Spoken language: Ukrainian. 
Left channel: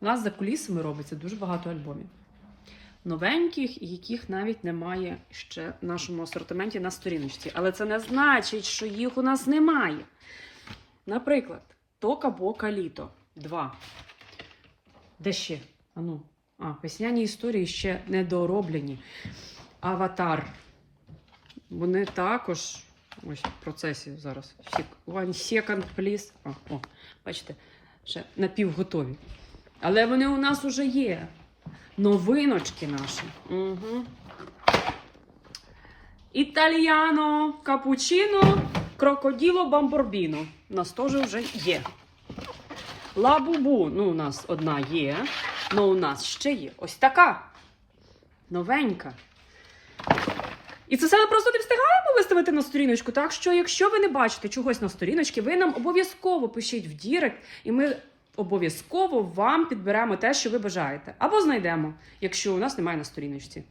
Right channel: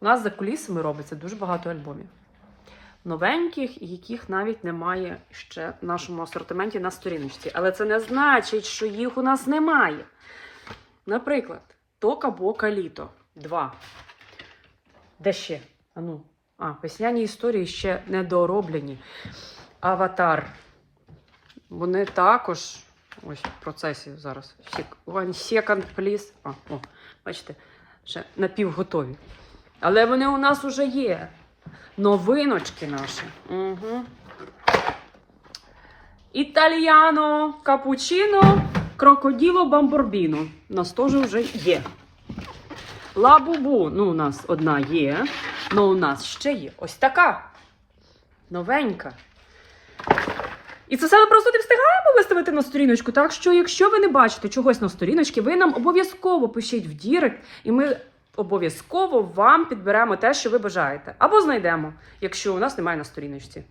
У нас за кулісами робиться дуже багато альбомів. Новеньких, яких навіть немає ще в нашому асортименті на сторіночці. Але це не значить, що їх у нас немає. Наприклад, Тока Бока Літо 2. Де ще? А ну. А, весняні історії ще не дороблені. Аватар. Вони також ось в процесі зараз. One second, please. А, о, бачите, ще напівготові. Але вони у нас вже є. Новиночки наші. Угу. Італіано, капучино, крокоділо, бамборбіно. У нас теж вже є. Лабубу, ну, у нас одна є, але у нас ще є ось така. Новенька. І це все ми просто не встигаємо виставити на сторіночку. Так що, якщо ви не бачите чогось на сторіночці, ви нам обов'язково пишіть в Дірект, і ми обов'язково вам підберемо те, що ви бажаєте. Або знайдемо, якщо у нас немає на сторіночці.